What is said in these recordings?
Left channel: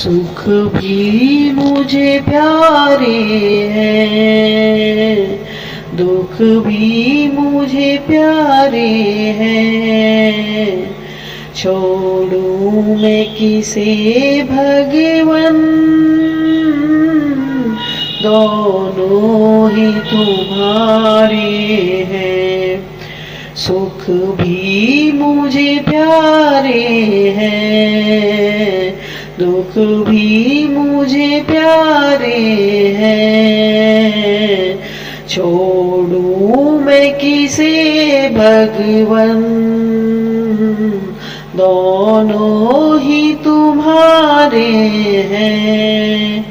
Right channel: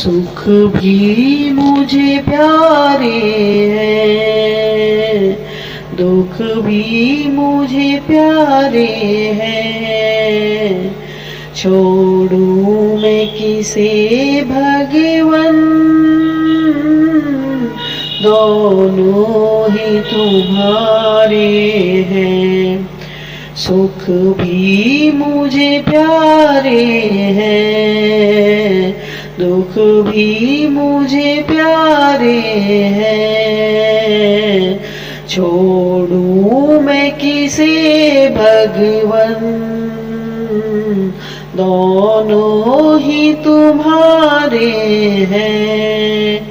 सुख भी मुझे प्यारे हैं, दुख भी मुझे प्यारे हैं। छोड़ूं मैं किसे भगवन, दोनों ही तुम्हारे हैं। सुख भी मुझे प्यारे हैं, दुख भी मुझे प्यारे हैं। छोड़ूं मैं किसे भगवन, दोनों ही तुम्हारे हैं।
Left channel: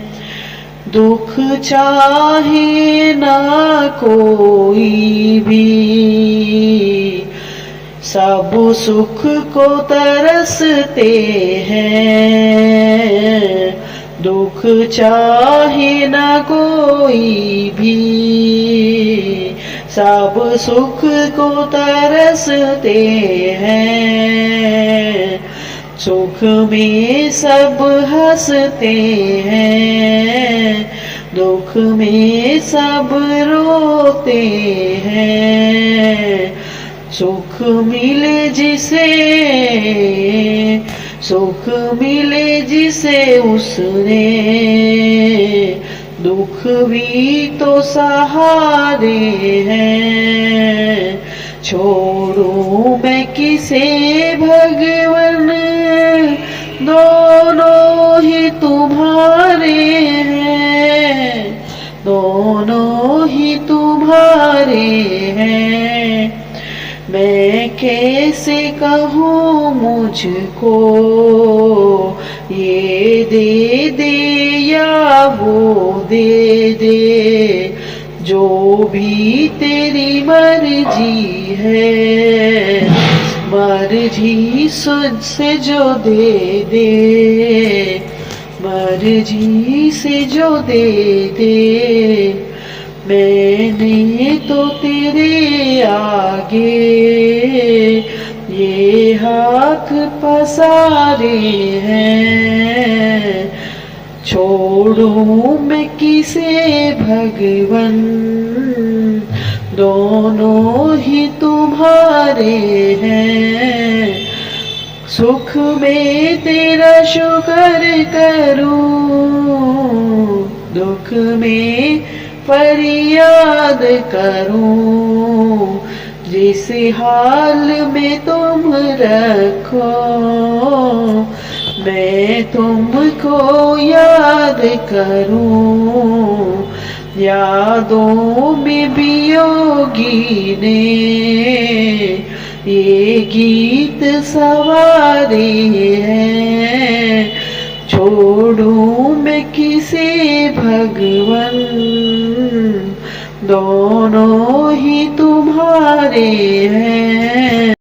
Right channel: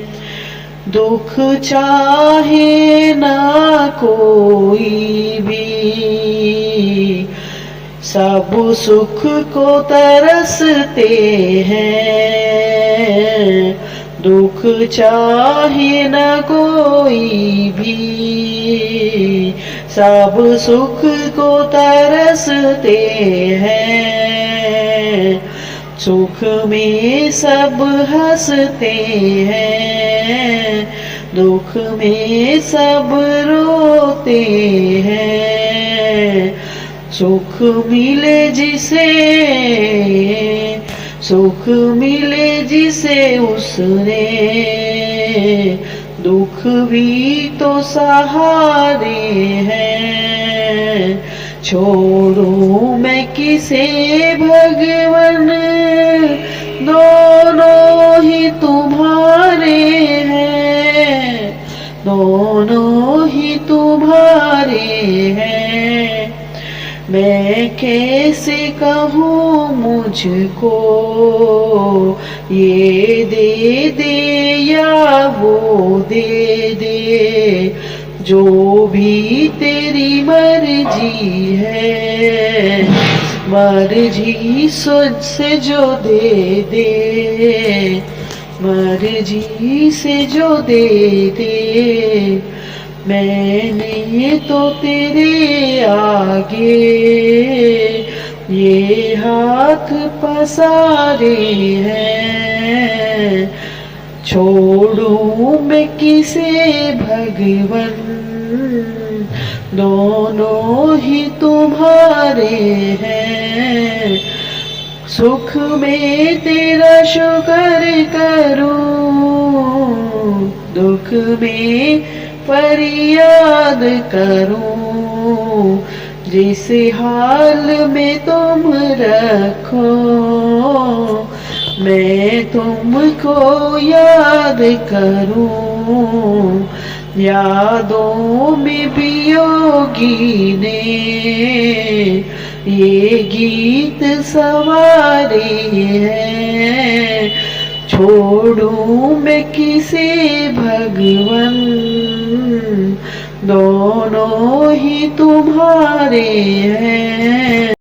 दुख चाहे ना कोई भी, सब सुख को तरसते हैं। दुख चाहे ना कोई भी, सब सुख को तरसते हैं। सुख में सब हंसते हैं, दुख में सब रोते हैं। सुख मिले जिसे, सुख मिले जिसे उसने, दुख भी तो सहारे हैं। छोड़ूं मैं किसे भगवन, दोनों ही तुम्हारे हैं, दोनों ही तुम्हारे हैं। मैं कैसे कहूँ मुझको, ये दे दे या वो दे दे, जो भी तेरी मर्जी है। मर्जी से जो दे दे, मर्जी से जो दे दे। मैंने तो तेरे आगे ये हाथ पसारे हैं। छोड़ूं मैं किसे भगवन, दोनों ही तुम्हारे हैं। सुख में तेरा शुक्र करूं, दुख में फरियाद करूं। जिस हाल में तुम रखो, मैं तुमको याद करूं। यादों में वियोगी ने ये गीत सवारे हैं। छोड़ूं मैं किसे भगवन, दोनों ही तुम्हारे हैं।